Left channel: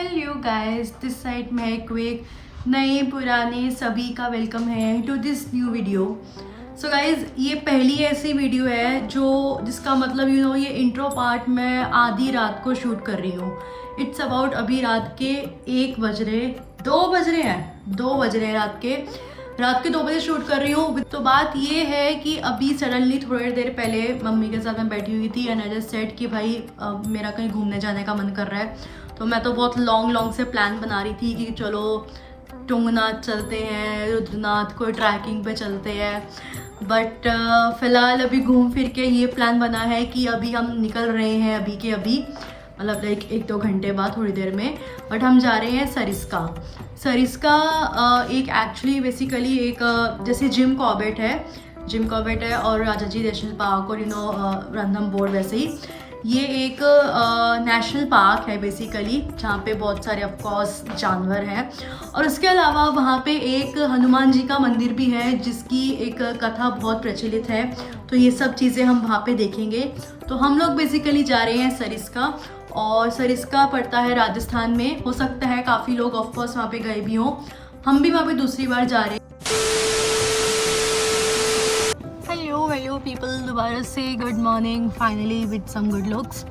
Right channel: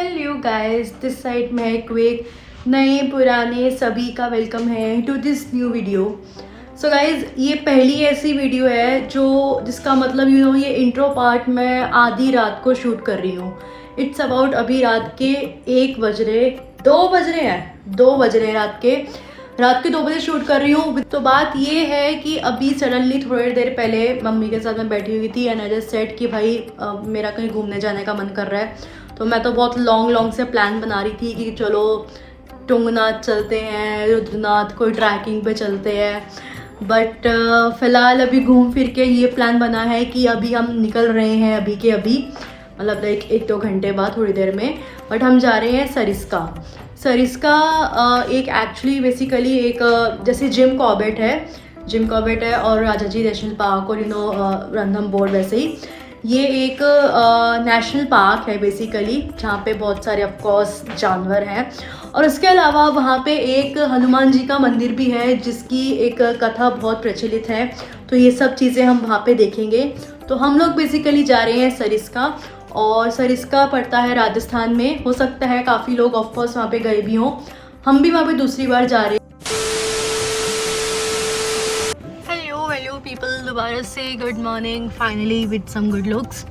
Hello guys, this side में क्विक नए पुराने सभी का वेलकम है to this new video. So guys, ये पहली ऐसी वीडियो है जिसका मतलब ये इंट्रो पार्ट मैं आधी रात को शूट कर रही हूँ। इट्स अबाउट अभी रात के 2 बज रहे हैं रात के 2 बजे शूट कर रही हूँ। तो बात ये है कि अभी सडनली थोड़ी देर पहले मम्मी के साथ मैं बैठी हुई थी एंड आई जस्ट सेड कि भाई मेरा कहीं घूमने जाने का मन कर रहा है। तो मैं तो बहुत लॉन्ग से प्लान बना रही थी कि चलो तुंगनाथ चलते हैं, रुद्रनाथ, कोई ट्रैकिंग पे चलते हैं। बट फ़िलहाल अभी घूम फिर के ये प्लान बना है कि अभी हम निकल रहे हैं अभी के अभी, मतलब लाइक 1-2 घंटे बाद, थोड़ी देर में। बट हम जा रहे हैं सरिस्का। एक एक्चुअली बेसिकली एक जैसे जिम कॉर्बेट है और राजाजी नेशनल पार्क और रणथंभौर वैसे ही ये एक नेशनल पार्क है बेसिकली, जहाँ पे बहुत सारे ऑफकोर्स जानवर हैं। और उसके अलावा वहाँ पे एक हनुमान जी का मंदिर भी है जिसकी एक कथा बहुत प्रचलित है। तो ये सब चीज़ें हम वहाँ पे देखेंगे। तो हम लोग बेसिकली जा रहे हैं सरिस्का, और सरिस्का पड़ता है राजस्थान में। हो सकता है काफ़ी लोग ऑफकोर्स वहाँ पे गए भी हों, हम भी वहाँ पे दूसरी बार जा रहे हैं। हेलो पीपल, दोबारा से good morning finally with some good looks.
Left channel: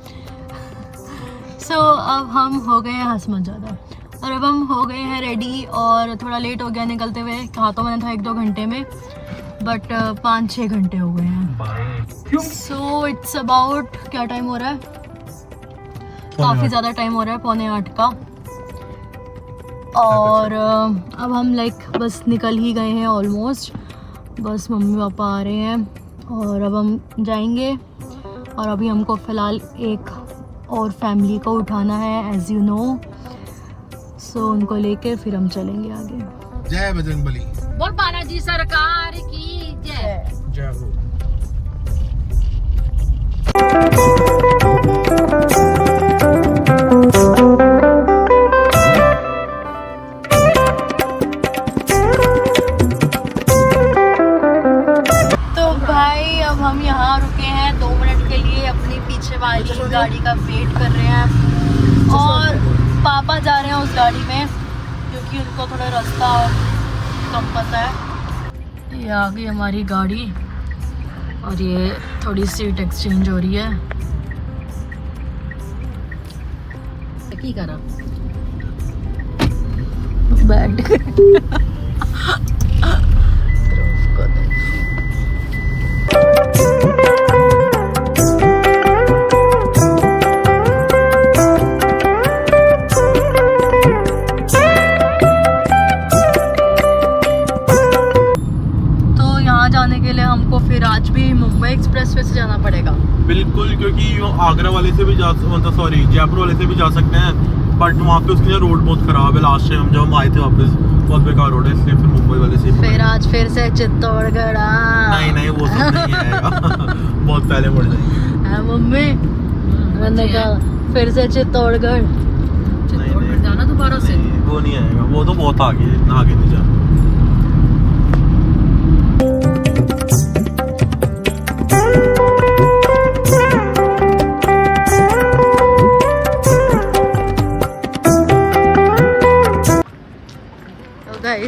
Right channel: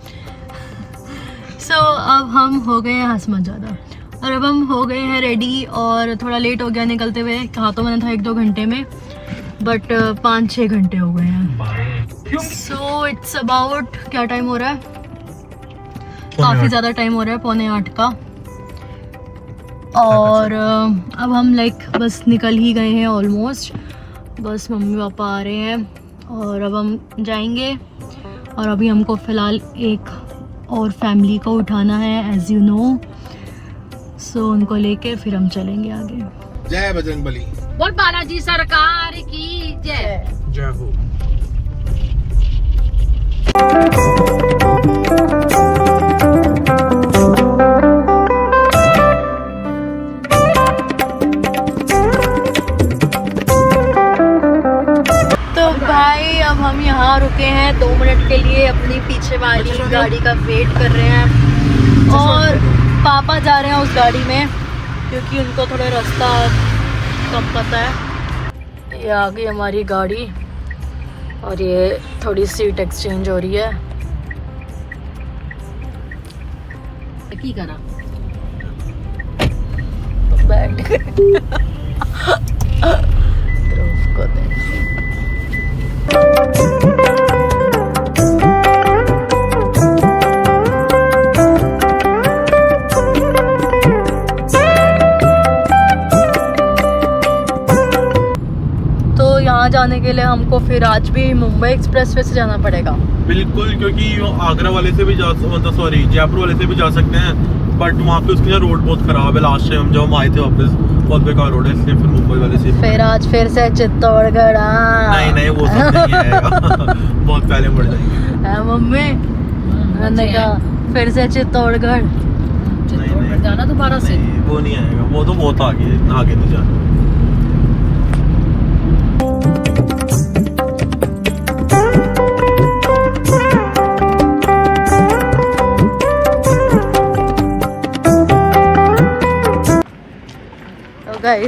So अब हम हो गए हैं हंसमत ज़्यादा, और अब हम हो गए हैं रेडी, और थोड़ा लेट हो गया निकलते हुए। कहा तो मैंने था 1-2 घंटे में, बट 5-6 घंटे हो गए हैं। सो इट्स अबाउट, क्या टाइम हो रहा है, काफ़ी ज़्यादा टाइम हो रहा है, 7:45 का। और अब हम बस निकल ही गए हैं ऑलमोस्ट। बस मम्मी पापा आ रहे हैं और अब हम जाएंगे। और अभी हमको फ़िलहाल एक और फैमिली को उठाना है, एज यू नो। सो उनको लेके फिर हम चलेंगे आगे। जय बजरंगबली, बोल बालाजी सरकार की जय। जय हो। तो भाई अब हम यहाँ रुके हैं 2 मिनट के लिए, अपनी पीछे वाली गाड़ी का वेट कर रहे हैं। और पापा जा रहे हैं उस गाड़ी में क्योंकि उनको थोड़ा रास्ता कम पता है। ये आ गई हमारी गाड़ी और ये थोड़ी सीट एक्सचेंज हो रही है। की करा बैठ जाने के लिए हमको फिर आज भी मुंबई एक्सप्रेसवे से जाना पड़ेगा। बिल्कुल, क्योंकि आगरा वाले से भी जयपुर वाले से भी जा सकते हैं, बट वहाँ पे उसकी रोड बहुत खराब है। लास्ट टाइम जब हम आए थे वापस, बहुत बेकार रोड है, इसलिए फिर मुंबई वाले से फिर से चित्तौड़गढ़। नहीं वो सब नहीं आएगा बहुत पहले पड़ जाएंगे मम्मी। फिर से चित्तौड़गढ़ जाना दोबारा से, वो नहीं आएगा, वो तो बहुत आगे नहीं जाना।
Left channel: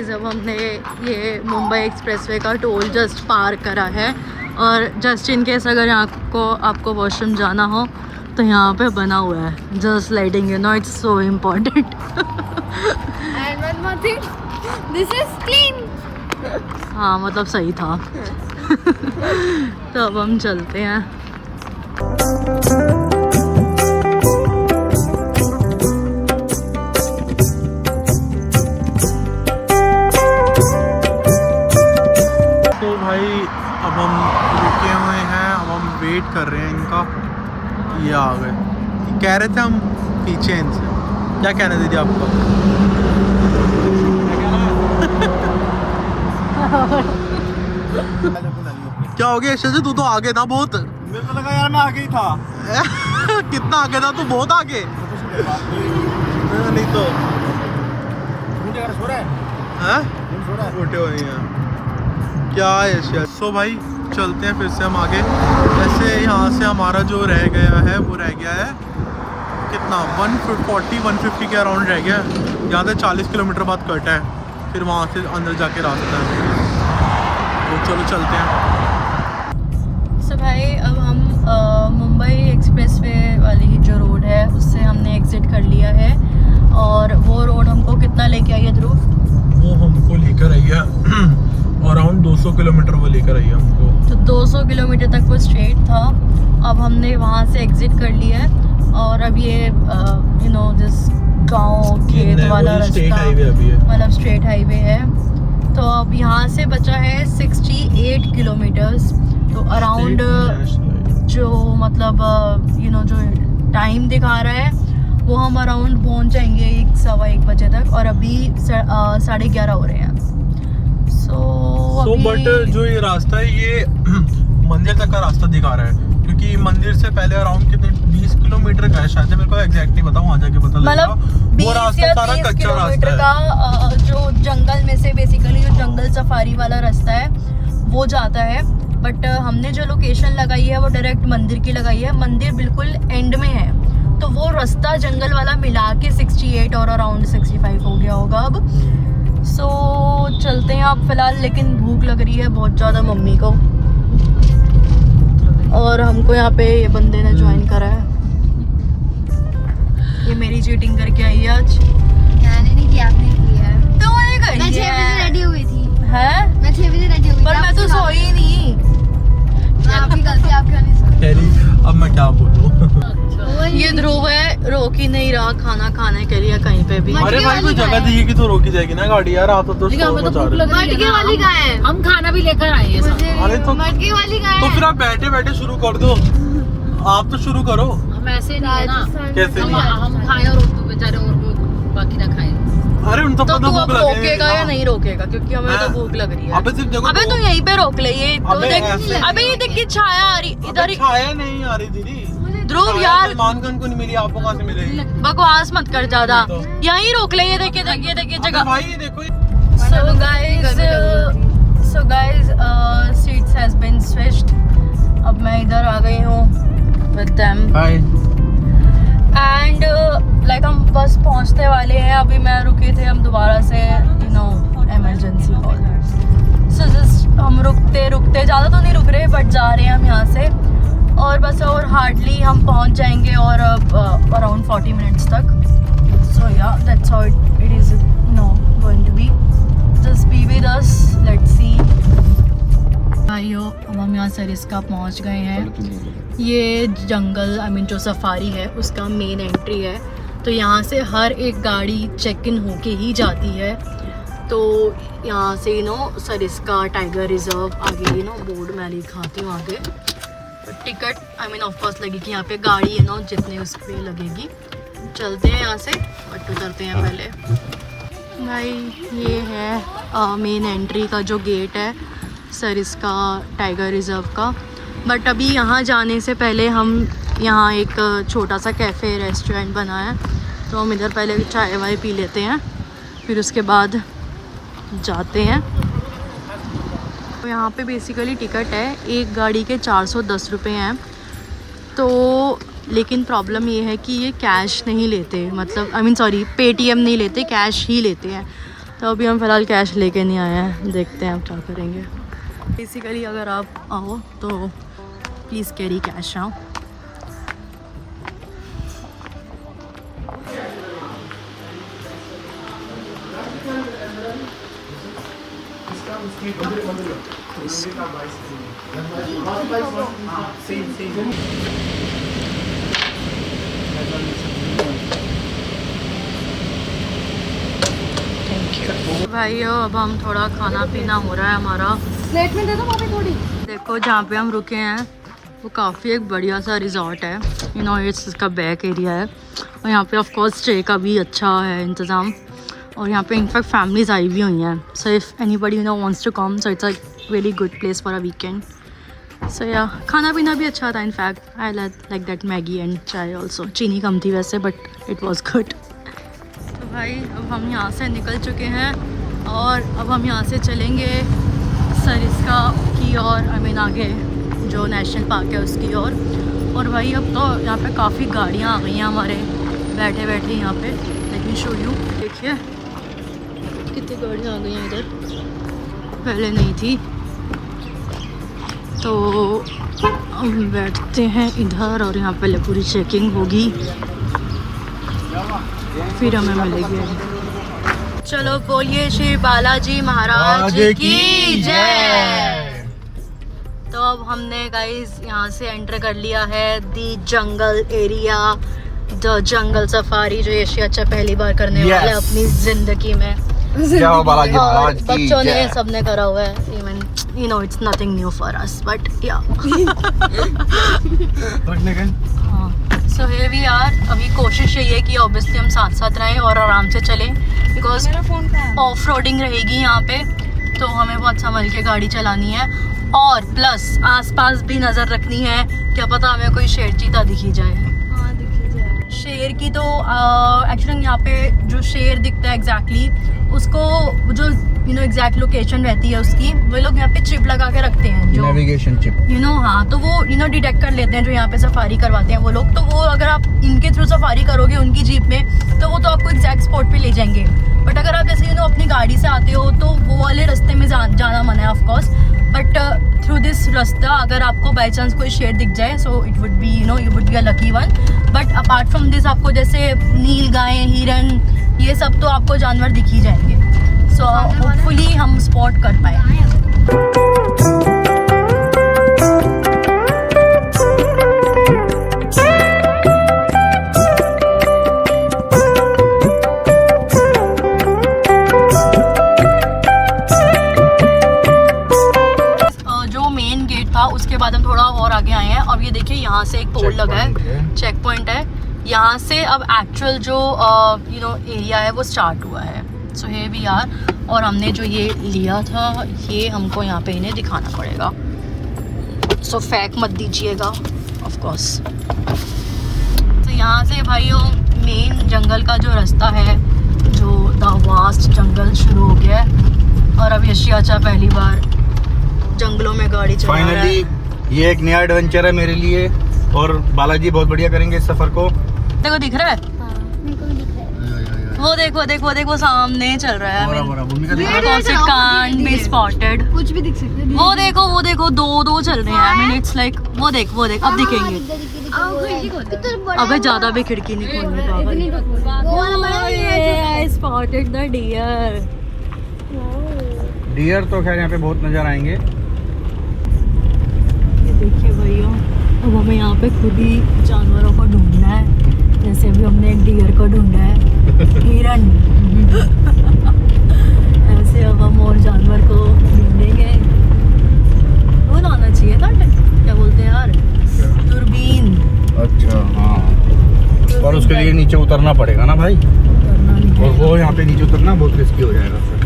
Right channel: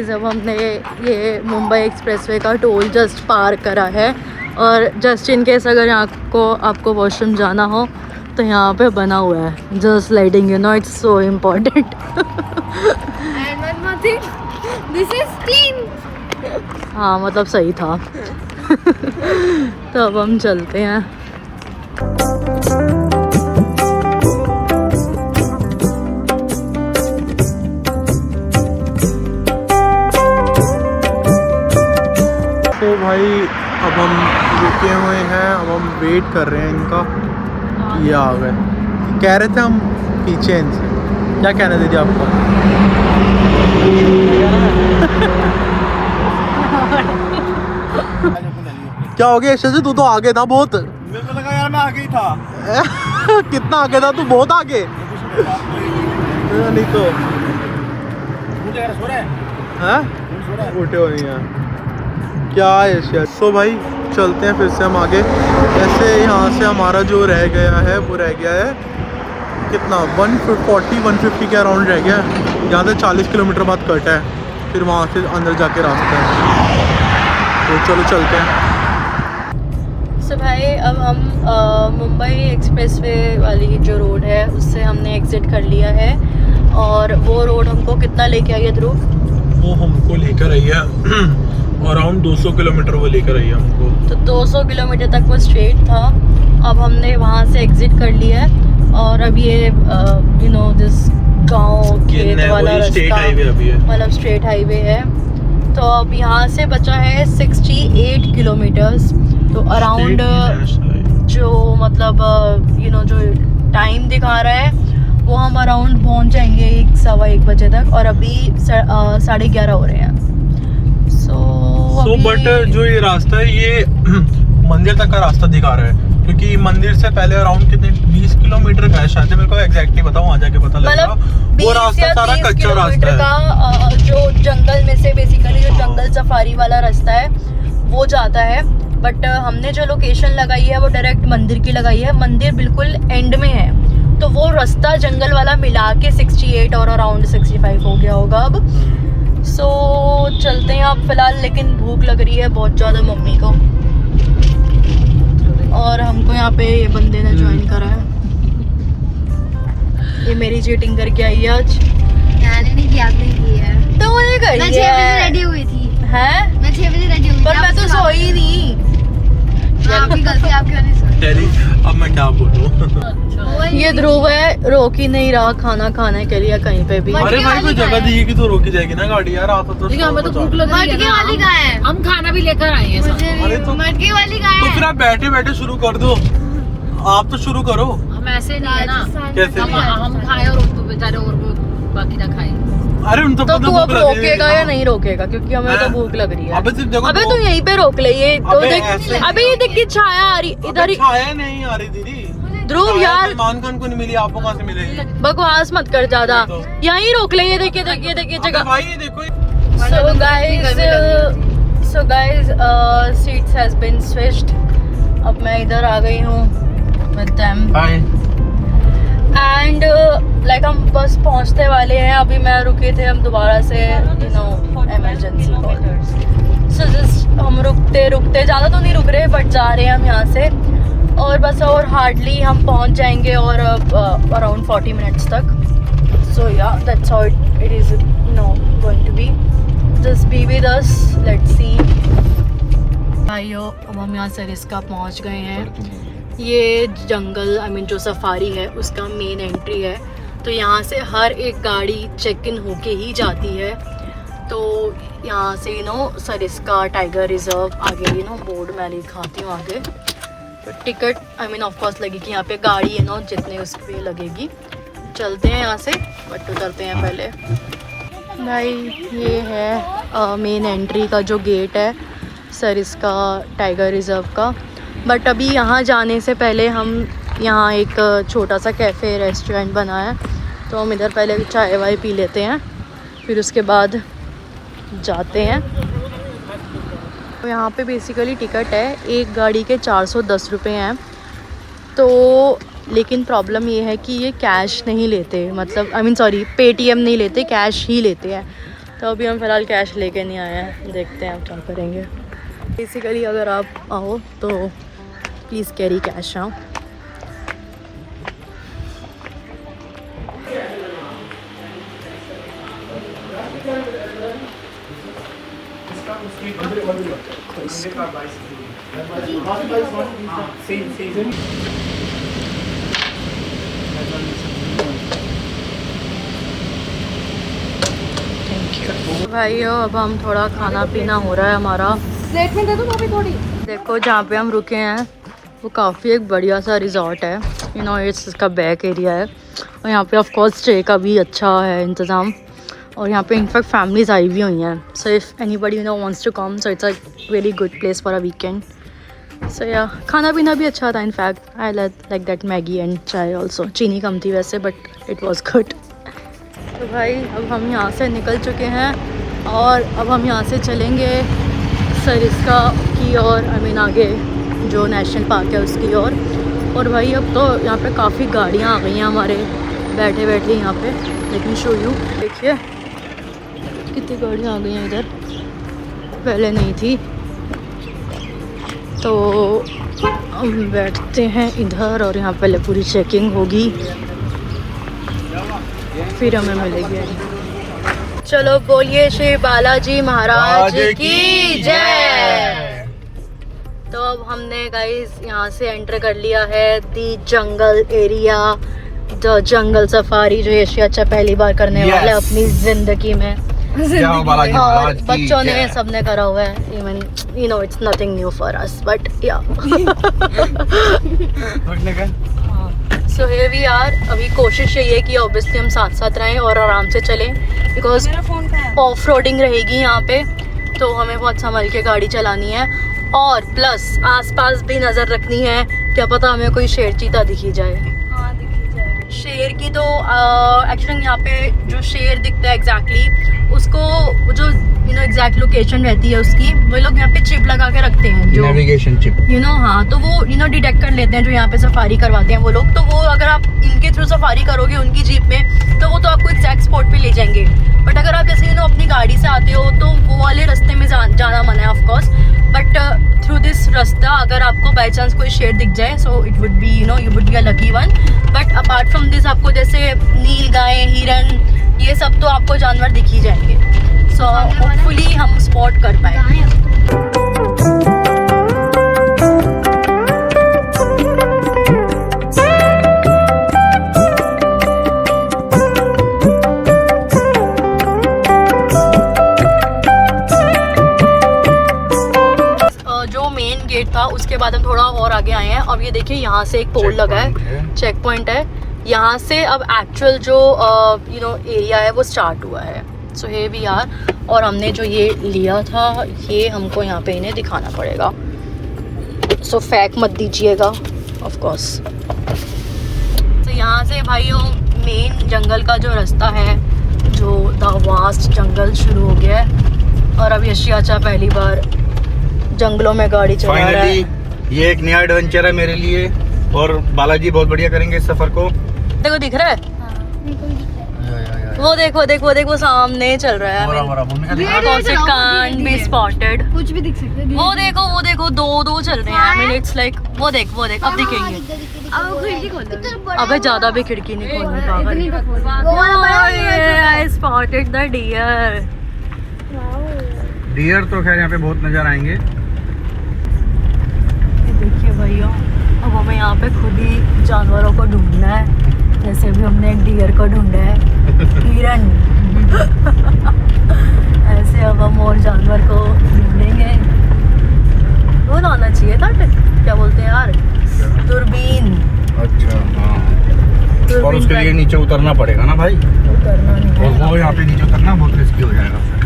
जब हमने ये मुंबई एक्सप्रेसवे का टोल जस्ट पार करा है, और जस्ट इन केस अगर आपको वॉशरूम जाना हो तो यहाँ पे बना हुआ है just sliding, it's so important. This is clean. हाँ, मतलब सही था। तो अब हम चलते हैं। भाई अब हम रुके हुए हैं, अब हम वेट कर रहे हैं इनका। ये आ गए, कह रहे थे हम पीछे इनसे। क्या कहना दीदी आपका? क्या हो गया ऐसे? तू तो आगे था बहुत। मेरे को लगा यार मैं आगे ही था। कितना आगे था तू? बहुत आगे। नहीं तो सो रहा है, उठे हुए हैं क्या है। सो भाई चलते हैं फिर से हम आगे। जैसे यहाँ से हमारा जो रह गया है वो रह गया है कितना 140-150 के अराउंड रह गया। यहाँ से 40 किलोमीटर बाद कट है, फिर वहाँ से अंदर जाके रास्ता है। तो चलो चलते हैं। सो भाई अब हम मुंबई एक्सप्रेसवे वाली जो रोड है उससे हमने एग्जिट कर लिया है। और वो रोड हमको कितना लेके आई है ध्रुव? वो हमको लेकर आई है अराउंड 200 किलोमीटर वो लेकर आई है हमको। तो 200 किलोमीटर तक वो स्ट्रेट था। अब हमने वहाँ से एग्जिट कर लिया है और अब ये यू नो दिस गांव खेत वाला रास्ता मतलब स्ट्रेट हाईवे है। तो अब यहाँ से बचा है 68 किलोमीटर्स। तो अराउंड जो मतलब यू नो जो टाइम दिखा रहा है वो हम अराउंड पहुँच जाएंगे 1-1:15 बजे तक। और अभी 11:30 हो रहे हैं। सो बट जो ये रास्ता है ये मंदिर तक का रास्ता दिखा रहा है, क्योंकि मंदिर से पहले अराउंड कितने 20 किलोमीटर का है शायद, मेरे को एग्जैक्ट नहीं पता, वहाँ जाके पता लगेगा। मतलब 20 या 30 किलोमीटर का जो जंगल में से बेसिकली जो जंगल सफारी वाला रास्ता है वो जाता है। बट हमने जो लोकेशन लगाई है वो डायरेक्ट मंदिर की लगाई है। मंदिर बिल्कुल एंड में है, तो वो रास्ता जंगल वाला मिला के 68 और अराउंड 65 हो गया होगा अब। सो चलते हैं आप फिलहाल, लेकिन भूख लग रही है बहुत ज़्यादा मम्मी को। और हमको यहाँ पे ये बंदे ने ज्वाइन करा है। ये मेरी चीटिंग करके आई है आज। मैंने नहीं किया, आपने की है। तो मैंने मैं 6 बजे है रेडी हुई थी। हैं? मैं 6 बजे रेडी हुई थी। पर मैं तो सोई नहीं। आपकी गलती, आपकी वजह अब मैं क्या बोलूँ। ये ध्रुव है, रोक ही नहीं रहा, खाना खाने के लिए कहीं पे भी। अरे भाई कोई जगह दिखेगी तो रोकी जाएगी ना गाड़ी यार। आप तो हमें तो भूख लग रही है। मटके वाली कहाँ है? हम खाना भी लेकर आए हैं साथ। अरे तो मटके वाली कहाँ है? तो फिर आप बैठे बैठे शुरू कर दो, आप तो शुरू करो। हम ऐसे नहीं है ना, कैसे नहीं? हम खाए और उनको बेचारे बाकी ना खाए। अरे उन तो तो पता तू भूख अब लग रही रोकेगा या है। नहीं रोकेगा? क्योंकि हमें तो भूख लग रही है। अबे सिर्फ देखो। अबे तू यहीं पे रोक ले। ये तो अबे देख, ऐसे। अबे ये देख की छाया आ रही इधर ही। छाया नहीं आ रही दीदी। ध्रुव यार दुकान को नहीं मिली, आपको कहाँ से मिलेगी? बकवास मत कर ज्यादा, यहीं रोक ले। ये देखिए देखिए देखिए जगह। भाई ये देखो। So guys seats has been switched. अब मैं इधर आ गई हूँ with them hi. And like हम बस पहुँचने वाले हैं। अभी मैं रुके थे, हम दोबारा से you know emergency call. So just हम रुकते रुकते, ज़्यादा तो नहीं रुक रहे बट जा रहे हैं हम यहाँ से। और बस और हार्डली हम पहुँच जाएंगे और अराउंड 40 मिनट्स तक। So yeah that's how it is going to be. Just be with us, let's see. भाइयों अब हम यहाँ सरिस्का पहुँच गए हैं। ये जंगल जो सफारी है उसका मेन एंट्री है। तो यहाँ से हर एक गाड़ी चेक इन होके ही जाती है। तो यहाँ से सरिस्का टाइगर रिजर्व आगे बोर्ड में लिखाती हूँ आगे। तो टिकट ऑफ कोर्स लगेगी यहाँ पे, गाड़ी जितने उस पर लगेगी। चलते हैं यहाँ से, बट उतरते हैं पहले। भाई ये है मेन एंट्री का जो गेट है सरिस्का टाइगर रिजर्व का। बट अभी यहाँ जाने से पहले हम यहाँ एक छोटा सा कैफ़े रेस्टोरेंट बना है, तो हम इधर पहले चाय वाय पी लेते हैं, फिर उसके बाद जाते हैं। तो यहाँ पे बेसिकली टिकट है, एक गाड़ी के 410 रुपये हैं। तो लेकिन प्रॉब्लम ये है कि ये कैश नहीं लेते, मतलब सॉरी पेटीएम नहीं लेते, कैश ही लेते हैं। तो अभी हम फ़िलहाल कैश लेके नहीं आए हैं, देखते हैं अब क्या करेंगे। बेसिकली अगर आप आओ तो प्लीज़ कैरी कैश नाउ। भाइयों अब हम थोड़ा खाना पीना हो रहा है हमारा। प्लेट में दे दो भाभी थोड़ी। देखो जहाँ पे हम रुके हैं वो काफ़ी एक बढ़िया सा रिजॉर्ट है, इसका बैक एरिया है। और यहाँ पे ऑफ कोर्स स्टे का भी अच्छा है इंतज़ाम। और यहाँ पे इनफैक्ट फैमिलीज आई भी हुई हैं। So if anybody wants to come, so it's a really good place for a weekend. So या खाना पीना भी अच्छा था। In fact I like that Maggi and chai also. चीनी कम थी वैसे, बट इट वॉज गुड। तो भाई अब हम यहाँ से निकल चुके हैं और अब हम यहाँ से चलेंगे सरिस्का की ओर, आगे जो नेशनल पार्क है उसकी ओर। और भाई अब तो यहाँ पे काफ़ी गाड़ियाँ आ गई हैं हमारे बैठे बैठे यहाँ पे। लेट मी शो यू, देखिए कितनी गाड़ियाँ आ गई हैं इधर, पहले नहीं थी। तो हम बैठते हैं इधर और यहाँ पहले पूरी चेकिंग होगी, फिर हमें मिलेगी। चलो बोलिए श्री बालाजी महाराज की जय। तो अब हमने गाइस यहाँ से एंटर कर लिया है दी जंगल एरिया, द जंगल सफारी, जो एशिया अच्छा पहली बार करने वाले हैं अपनी जिंदगी में। जय बालाजी महाराज की बच्चों ने जय। सबने करा हुआ है, even you know it's nothing new for us but या। So here we are. अभी कोशिश यही है कि ऑब्वियसली हम साथ साथ रहें और आराम से चलें, बिकॉज ऑफ रोडिंग रहेगी यहाँ पे, तो हमें बहुत संभल के गाड़ी चलानी है। और प्लस आसपास भी नज़र रखनी है, क्या पता हमें कोई शेर चीता दिखी जाए। शेर की तो एक्चुअली यहाँ पे जो शेर दिखता है एग्जैक्टली उसको जो एग्जैक्ट लोकेशन रहती है उसकी, वो लोग यहाँ पे चिप लगा के रखते हैं, जो नेविगेशन चिप हाँ, तो वो डिटेक्ट कर लेते हैं जो यहाँ पे सफारी करवाते हैं वो लोग। तो वो अगर आप इनके थ्रू सफारी करोगे उनकी जीप में, तो वो तो आपको एग्जैक्ट स्पॉट पे ले जाएंगे। बट अगर आप जैसे अपनी गाड़ी से आते हो तो वो वाले रास्ते में जाना मना है ऑफकोर्स, बट थ्रू दिस रास्ता अगर आपको बाई चांस कोई शेर दिख जाए, so it would be you would be a lucky one. But apart from this आपको जैसे नील गाय, हिरन, ये सब तो आपको जानवर दिख ही जाएंगे। सो होपफुली हम स्पॉट कर पाए। जो मेन गेट था उसके बाद हम थोड़ा और आगे आए हैं। अब ये देखिए यहाँ से एक पोल लगा है, चेक पॉइंट है। यहाँ से अब एक्चुअल जो एरिया है वो स्टार्ट हुआ है। सो हे वी आर। और हमने जो ये लिया था ये हमको यहाँ पे इन्हें दिखाना पड़ेगा, सो फेंक मत दीजिएगा ऑफ कोर्स। तो यहाँ से भाइयों मेन जंगल का जो रास्ता है, जो द वास्ट जंगल शुरू हो गया है। और अब यशी चाचा पहली बार जंगलों में गाड़ी चला रहा है। फाइनली ये एक नया एडवेंचर है मेरे लिए, और बालाजी बहुत बढ़िया करेंगे इस सफर को। देखो दिख रहा है, वो देखो सामने चल रहा है। कांट बी स्पॉटेड, कुछ भी दिख सकते हैं। वो देखो दो चल रहे हैं। आई मीन इट्स लाइक वो देख अब दिखेंगे। अबे ज्यादा भी खिड़की नहीं खोलनी पागल। I spotted the deer. Deer तो खैर यहाँ पे बहुत नजर आएंगे। देखिए भैया, अब हमें यहाँ पे खुद ही जानवरों को ढूंढना है, जैसे अभी हमने एक डियर को ढूंढा है, हिरन। ऐसे अब हम और जानवर को ढूंढेंगे। वो लाना चाहिए था, क्या बोलते हैं यार, दूरबीन। अच्छा हाँ, और उसके लिए नीचे उतरना पड़ेगा ना भाई, उतरना नहीं है। और वो यहाँ पे नीचे उतरना बहुत रिस्की हो जाएगा फिर।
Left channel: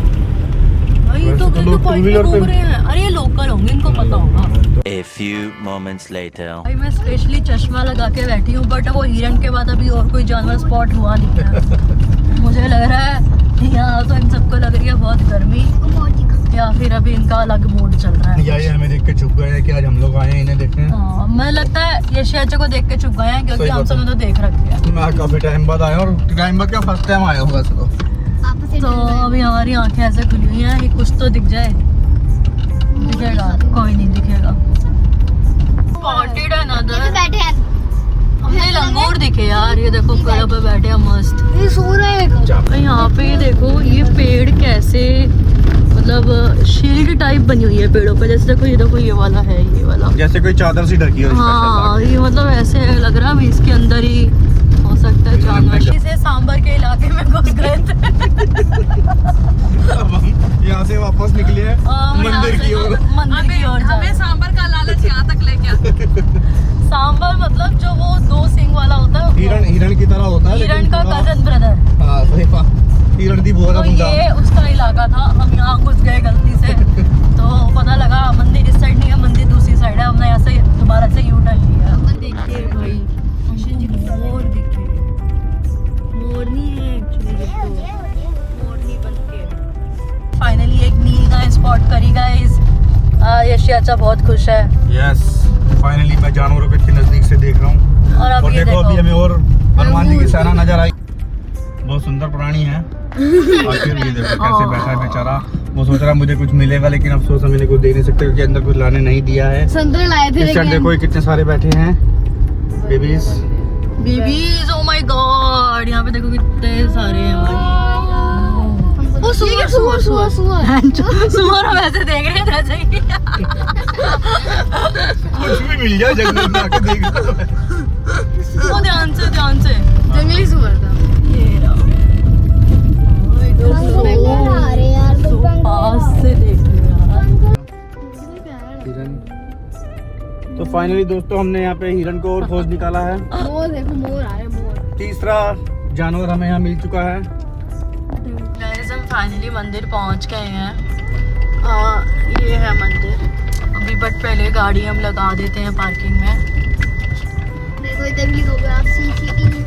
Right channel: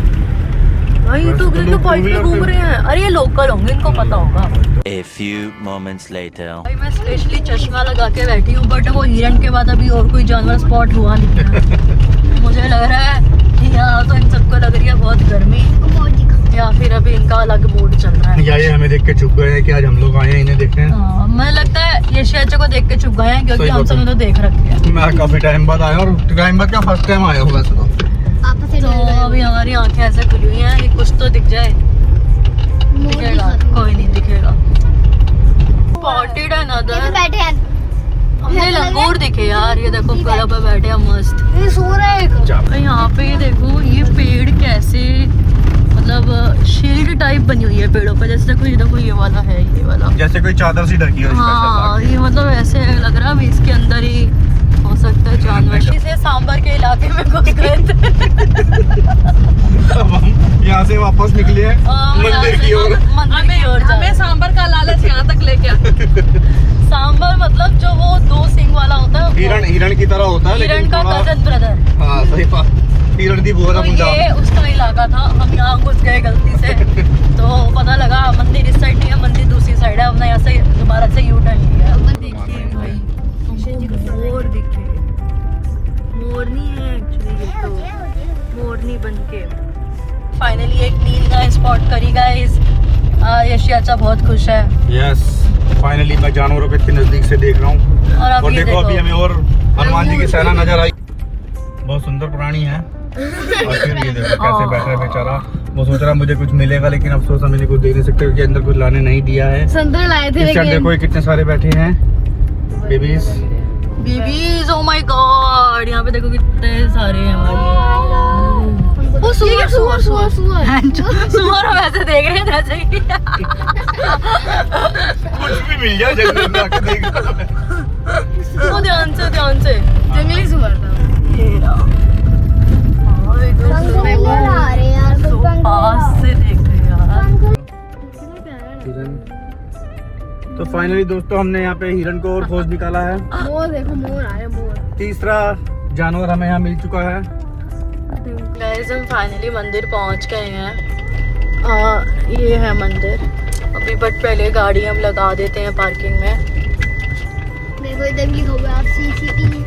भाई तो बाइक पे घूम रही है। अरे ये लोकल होंगे, इनको पता होगा। A few moments later. भाई मैं स्पेशली चश्मा लगा के बैठी हूँ, बट वो हिरन के बाद अभी और कोई जानवर स्पॉट हुआ नहीं है। मुझे लग रहा है यहाँ तो इन सबको लग रही है बहुत गर्मी, या फिर अभी इनका अलग मूड चल रहा है। ये हमें देख के चुप गए हैं कि आज हम लोग आए हैं इन्हें देखने। मुझे लगता है ये शेर को देख के चुप गए हैं, क्योंकि हम सब ने तो देख रखे हैं। मैं काफी टाइम बाद आया, और टाइम बाद क्या फर्स्ट टाइम आया होगा इसको। तो अभी हमारी आंखें ऐसे खुली हुई हैं कि कुछ तो दिख जाए। दिखेगा? कोई नहीं दिखेगा। Spotted another. बैठे हैं, ये लंगूर दिखे यार, ये देखो पेड़ पे बैठे हैं मस्त। ये सो रहा है। यहाँ पे देखो ये पेड़ कैसे, मतलब शील्ड टाइप बनी हुई है पेड़ों पे। जैसे देखो ये वाला है, ये वाला जैसे कोई चादर सी ढकी हो। हाँ, ये मतलब ऐसे लग रहा है इसके अंदर ही हो सकता है जानवर। इसे सांबर के इलाके में घुस गए थे। अब हम यहाँ से वापस निकले हैं मंदिर की ओर। मंदिर की ओर हमें सांबर का लालच यहाँ तक लेके आ। सांबर मतलब जो वो 2 सिंग वाला होता है, हिरण की तरह होता है, हिरण का कजन ब्रदर। हाँ सही बात, हिरण की तो ये उसका इलाका था। हम यहाँ घुस गए गलती से, तो पता लगा मंदिर इस साइड नहीं है, मंदिर दूसरी साइड है। हमने यहाँ से दोबारा से यू टर्न लिया। देखिए भाई मोर दिखे, मोरनी है एक्चुअली, ये तो मोरनी बनके। फाइनली एक नील गाय स्पॉट करी गाइस। यशी अच्छा बहुत खुश है। यस फाइनली मैं जानवरों को इतने नजदीक से देख रहा हूँ। और देखो अभी हमें और हनुमान जी की सेना नजर आई, बहुत सुंदर प्राणी है। और फिर भी देखो कैसे बैठा है बेचारा, वो सोच रहा मुझे कुछ मिलेगा, लेकिन अफसोस हम इन्हें कुछ दे नहीं सकते क्योंकि अंदर कुछ लाने नहीं दिया है। संतरे लाए थे इस साइड देखो ये कितने सारे बैठे हैं babies. Babies, oh my God, यहाँ पे देखो कितने सारे हैं भाई। वो सुअर सुअर सुअर सुअर वैसे देख रहे हैं जैसे कि कुछ भी मिल जाए जंगल में आके देख लो। वो ध्यान से जंगली सुअर था। पास से देख रहे यार। तो फाइनली दोस्तों हमने यहाँ पे हिरन को और खोज निकाला है। मोर देखो, मोर आ रहे, मोर। तीसरा जानवर हमें यहाँ मिल चुका है। गाइस हम फाइनली मंदिर पहुंच गए हैं। ये है मंदिर अभी, बट पहले गाड़ी हम लगा देते हैं पार्किंग में। देखो इधर भी हो गया, आप सीसीटीवी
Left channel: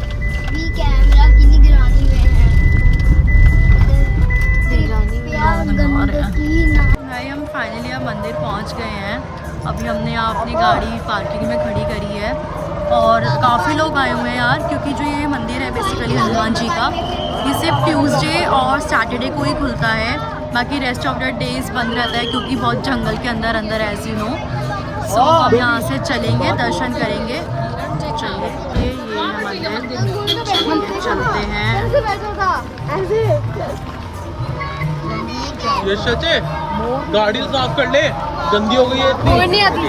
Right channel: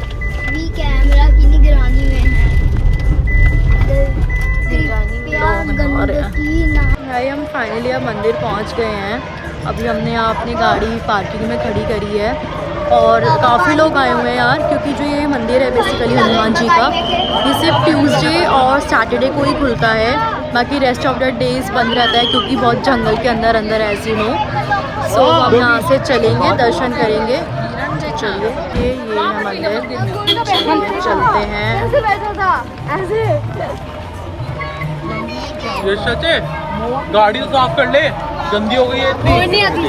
कैमरा की निगरानी में है। लोग नहा रहे हैं। भाई हम फाइनली अब मंदिर पहुंच गए हैं। अभी हमने यहाँ अपनी गाड़ी पार्किंग में खड़ी करी है और काफ़ी लोग आए हुए हैं यार, क्योंकि जो ये मंदिर है बेसिकली हनुमान जी का, ये सिर्फ ट्यूसडे और सैटरडे को ही खुलता है, बाकी रेस्ट ऑफ द डेज बंद रहता है क्योंकि बहुत जंगल के अंदर अंदर ऐसे नो। सो हम यहाँ से चलेंगे, दर्शन करेंगे। चलिए ये है मंदिर, चलते हैं। गाड़ी साफ कर ले, गंदी हो गई है। मोर नहीं आती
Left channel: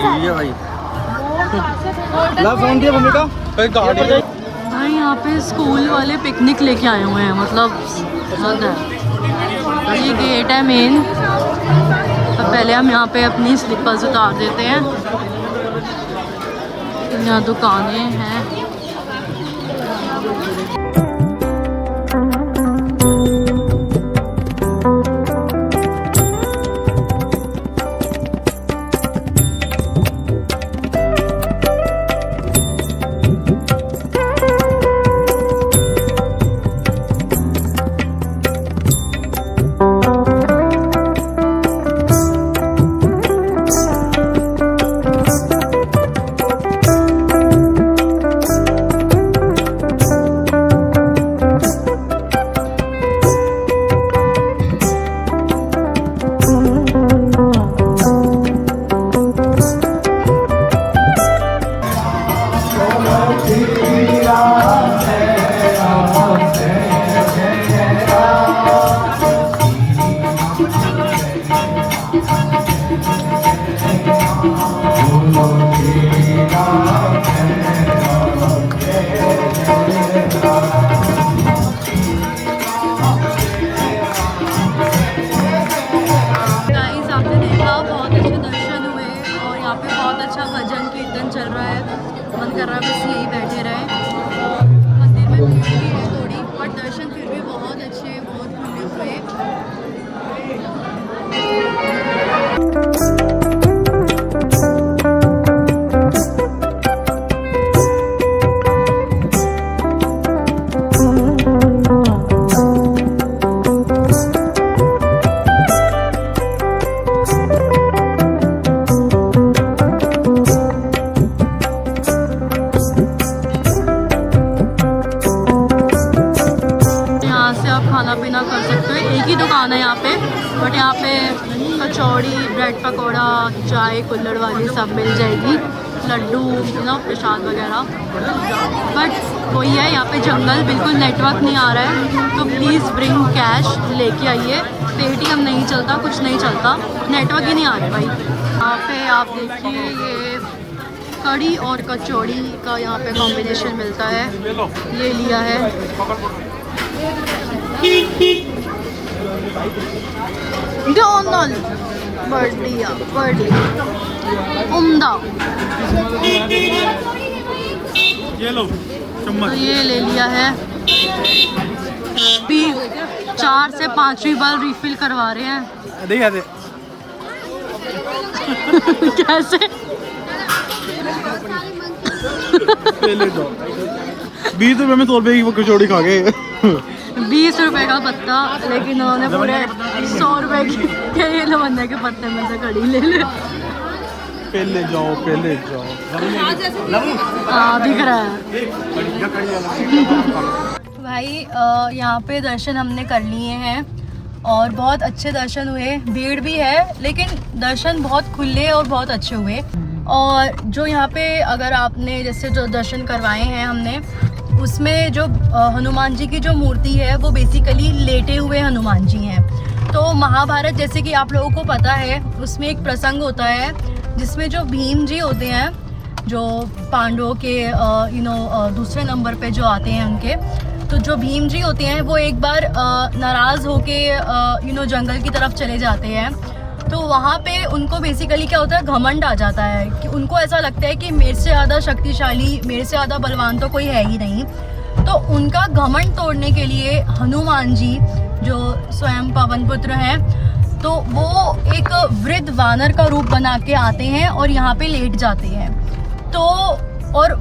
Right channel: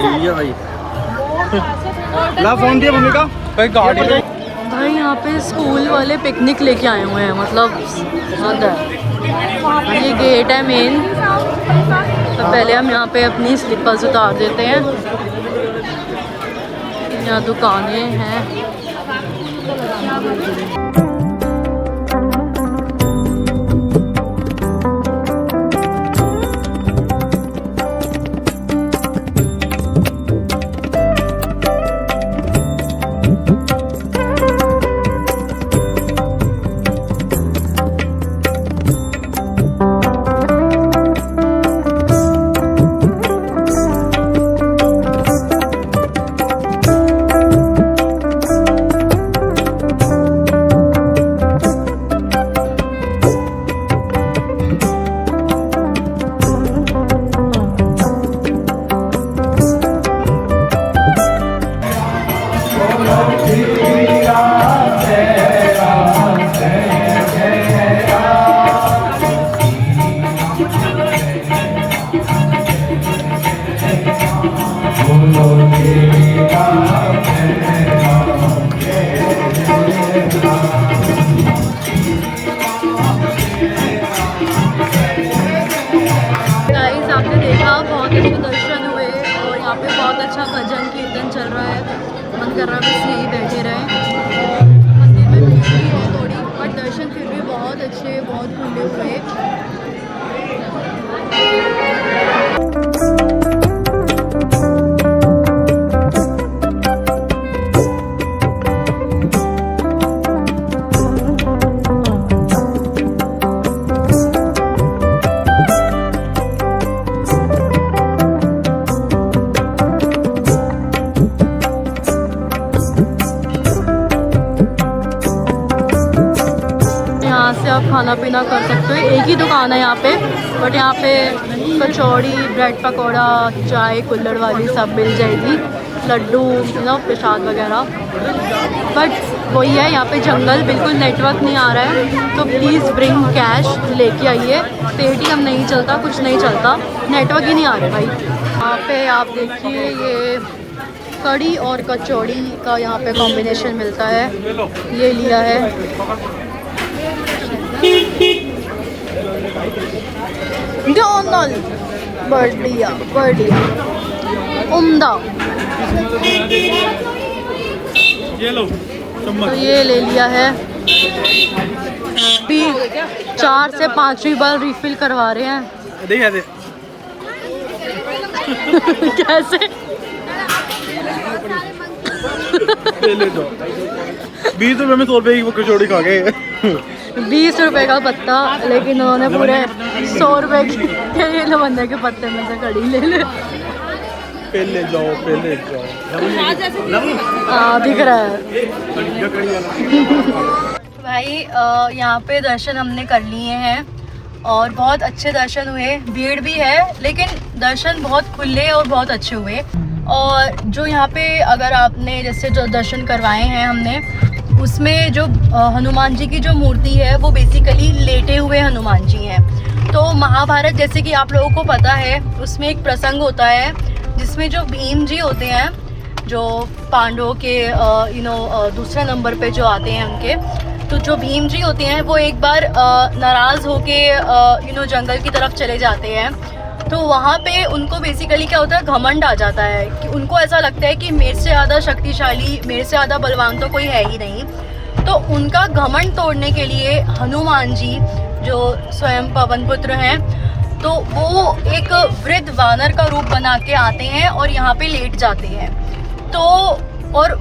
ला फोन दिया मम्मी का भाई गाड़ी भाई यहाँ पे स्कूल वाले पिकनिक लेके आए हुए हैं, मतलब हद है। ये गेट है मेन, तो पहले हम यहाँ पे अपनी स्लीपर्स उतार देते हैं। यहाँ दुकानें हैं। बहुत अच्छा भजन कीर्तन चल रहा है, मन कर रहा है बस यही बैठे रहे। मंदिर में भीड़ भी है थोड़ी, बट दर्शन फिर भी बहुत अच्छे, बहुत खुले हुए। खाना पीना कर सकते हो, एक ही दुकान है यहाँ पे, बट यहाँ पे कचौड़ी, ब्रेड पकौड़ा, चाय कुल्हड़ वाली सब मिल जाएगी, लड्डू, प्रसाद वगैरह। बट वही है, यहाँ पे जंगल, बिल्कुल नेटवर्क नहीं आ रहा है, तो प्लीज़ ब्रिंग कैश, लेके आइए। पेटीएम नहीं चलता, कुछ नहीं चलता, नेटवर्क ही नहीं आ रहा भाई। यहाँ पे आप देखिए ये कड़ी और कचौड़ी का यहाँ पे कॉम्बिनेशन मिलता है, ये लिया है। डोनल बढ़िया बढ़िया उम्दा, ये लो तो ये ले लिया है। भी 4 से 5वीं बार रिफिल करवा रहे हैं। कैसे 20 रुपए में 100 रुपए की वो कचौड़ी खा गए। 20 रुपए का पत्ता, लेकिन उन्होंने पूरे 100 रुपए के बंदे के पत्ते में से कड़ी ले ले। पहले जाओ दिख रहा है भाई। यहाँ पे दर्शन हमने कर लिए हैं और बहुत अच्छे दर्शन हुए। भीड़ भी है लेकिन दर्शन बहुत खुले और बहुत अच्छे हुए। और जो यहाँ पे अगर आपने जैसे जो दर्शन करवाए हैं हमने, उसमें जो हनुमान जी की जो मूर्ति है वो बेसिकली लेटे हुए हनुमान जी हैं। तो महाभारत जैसे कि आप लोगों को पता है, उसमें एक प्रसंग होता है जिसमें जो भीम जी होते हैं, जो पांडवों के दूसरे नंबर पे जो आते हैं उनके, तो जो भीम जी होते हैं वो एक बार नाराज़ होके जंगल की तरफ चले जाते हैं। तो वहाँ पे उनको बेसिकली क्या होता है, घमंड आ जाता है कि उनको ऐसा लगता है कि मेरे से ज़्यादा शक्तिशाली, मेरे से ज़्यादा बलवान तो कोई है ही नहीं। तो उनका घमंड तोड़ने के लिए हनुमान जी जो स्वयं पवन पुत्र हैं, तो वो एक वृद्ध वानर का रूप बना के आते हैं और यहाँ पे लेट जाते हैं। तो और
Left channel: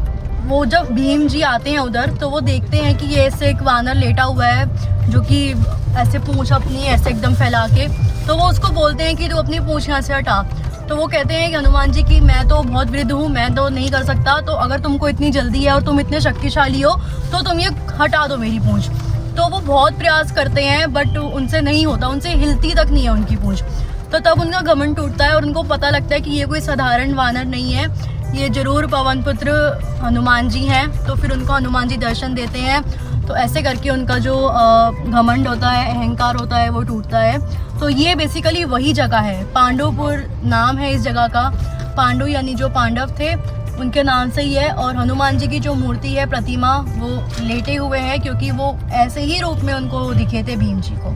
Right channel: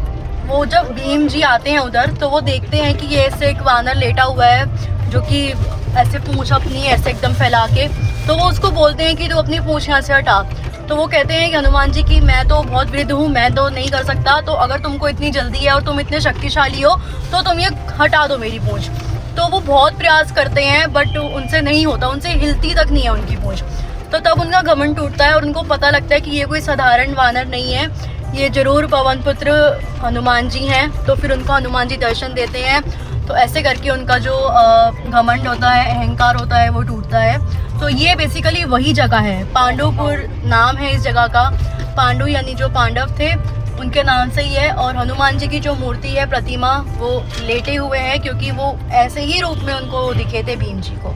वो जब भीम जी आते हैं उधर, तो वो देखते हैं कि ये ऐसे एक वानर लेटा हुआ है जो कि ऐसे पूंछ अपनी ऐसे एकदम फैला के, तो वो उसको बोलते हैं कि तू अपनी पूंछ यहाँ से हटा। तो वो कहते हैं कि हनुमान जी की मैं तो बहुत वृद्ध हूँ, मैं तो नहीं कर सकता, तो अगर तुमको इतनी जल्दी है और तुम इतने शक्तिशाली हो तो तुम ये हटा दो मेरी पूंछ। तो वो बहुत प्रयास करते हैं बट उनसे नहीं होता, उनसे हिलती तक नहीं है उनकी पूंछ। तो तब उनका घमंड टूटता है और उनको पता लगता है कि ये कोई साधारण वानर नहीं है, ये जरूर पवन पुत्र हनुमान जी हैं। तो फिर उनको हनुमान जी दर्शन देते हैं। तो ऐसे करके उनका जो घमंड होता है, अहंकार होता है, वो टूटता है। तो ये बेसिकली वही जगह है, पांडवपुर नाम है इस जगह का। पांडु यानी जो पांडव थे उनके नाम से ही है। और हनुमान जी की जो मूर्ति है, प्रतिमा, वो लेटे हुए हैं क्योंकि वो ऐसे ही रूप में उनको दिखे थे भीम जी को।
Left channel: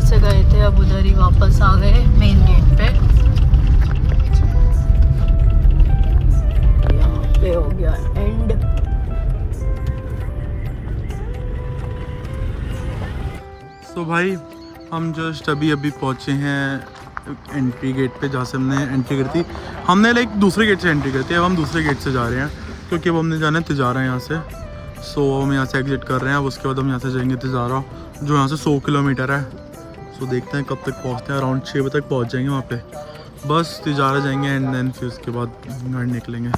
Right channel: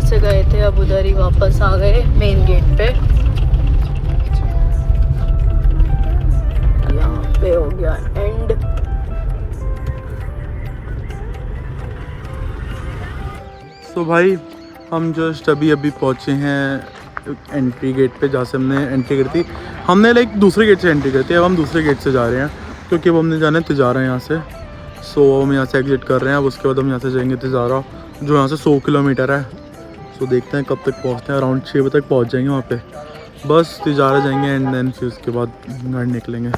से गए थे अब उधर ही वापस आ गए मेन गेट पे। यहाँ पे हो गया एंड। तो भाई हम जस्ट अभी पहुँचे हैं एंट्री गेट पे, जहाँ से हमने एंट्री करी थी। हमने लाइक दूसरे गेट से एंट्री करी थी, अब हम दूसरे गेट से जा रहे हैं क्योंकि अब हमने जाना है तिजारा यहाँ से। सो हम यहाँ से एग्जिट कर रहे हैं। अब उसके बाद हम यहाँ से जाएंगे तिजारा, जो यहाँ से 100 किलोमीटर है। तो देखते हैं कब तक पहुँचते हैं। अराउंड 6 बजे तक पहुँच जाएंगे वहाँ पे। बस तिजारा जाएंगे एंड देन फिर उसके बाद घर निकलेंगे।